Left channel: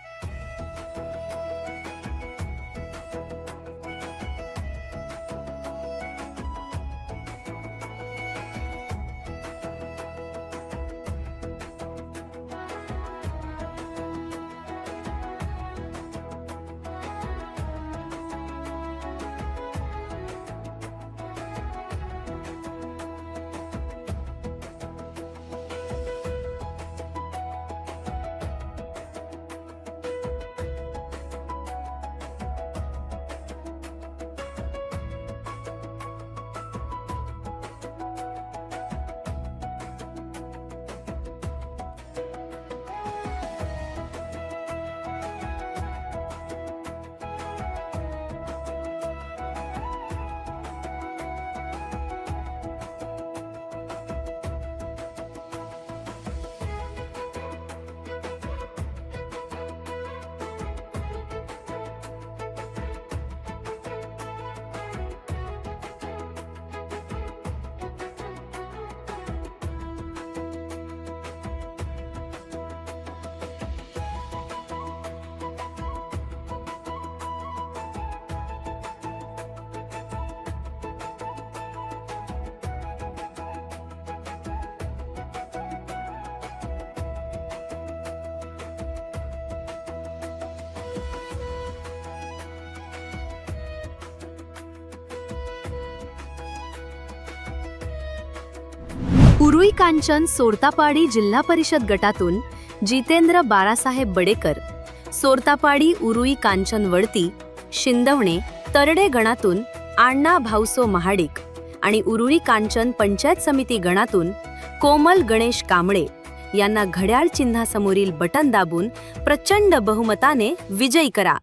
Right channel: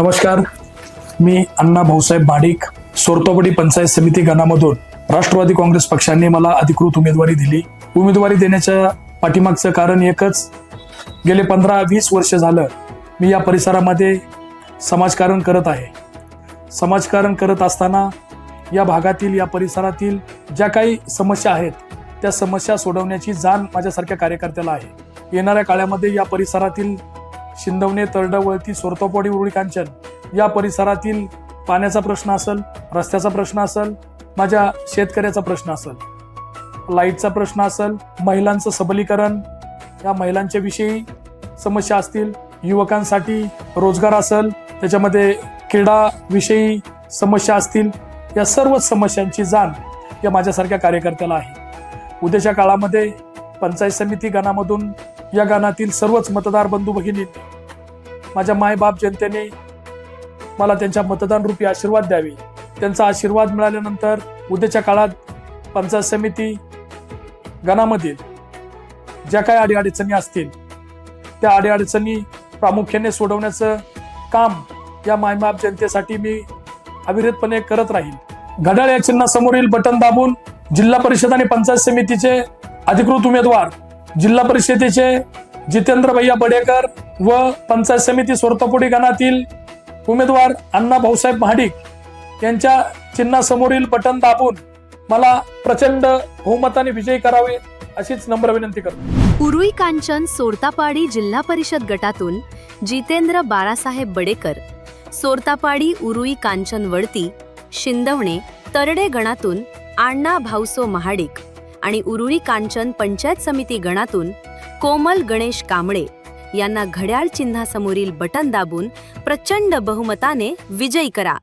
नमस्कार, मी अण्णा भाऊसाहेब महाडिक, सोरतोपडी पंचायत समिती गणामधून राष्ट्रवादी काँग्रेस पक्षाने मला अधिकृत उमेदवारी दिली। उमेदवारी देण्याच्या पाठीमागचं कारण एकच, गेले 15-20 वर्ष झालं मी या परिसरामध्ये समाजकारण करत आहे। समाजकारण करत असताना या भागातील, या परिसरातील ज्या काही समस्या आहेत त्या समस्या सोडवण्याची जाण माझ्यासारख्या कार्यकर्त्याला आहे। येणाऱ्या काळामध्ये या परिसरातील शिंदवणे, तरडवळती, सोरतोपडी, उरुळी कांचन या परिसरातील पाण्याचा प्रश्न असेल, रस्त्याचा प्रश्न असेल, माझ्या शेतकऱ्याचा प्रश्न असेल, लाईटचा प्रश्न असेल, महिलांचं सबलीकरण, या महिलांच्या विषयी समस्या असतील, युवकांसाठी रोजगार असेल, त्याच्यामध्ये क्रीडा विषयी समस्या असतील, या सर्व समस्यांची जाण या माझ्यासारख्या कार्यकर्त्याला आहे। उद्याच्या काळामध्ये पंचायत समिती गणामधून या गणातील सर्वच मतदार बंधू भगिनी, माझ्या मायबाप जनतेने मला त्यांच्या मतदान रूपी आशीर्वाद द्यावे। त्यांचा आशीर्वाद मिळाल्यानंतर उद्याच्या काळात पंचायत समिती गणामधील ज्या काही अडीअडचणी असतील त्या अडीअडचणी प्रामुख्याने सोडवण्याचं काम या मायबाप जनतेसाठी मी अविरतपणे करत राहील। घड्याळ या चिन्हासमोरील बटन दाबून जिल्हा परिषद आणि पंचायत समितीचे अधिकृत उमेदवार जिल्हा परिषदेचे जितेंद्र भैया बडेकर व पंचायत समिती सोरतोपडी गणातील उमेदवार अण्णा भाऊसाहेब महाडिक यांच्या चिन्हासमोरील बटन दाबून मला प्रचंड बहुमताने विजयी करावे अशीच नम्र विनंती करतो। उरुळी कांचन सोरतापाडी जिल्हा परिषद गटातून जितेंद्र बाळासाहेब बडेकर, सोरतापाडी उरुळी कांचन वळती, शिंदवणे, तरडे गणातून अण्णा भाऊसो महाडिक आणि उरुळी कांचन पंचायत समिती गणातून कोमल गणेश कांबळे यांना घड्याळ चिन्हासमोरील बटन दाबून प्रचंड बहुमताने विजयी करा।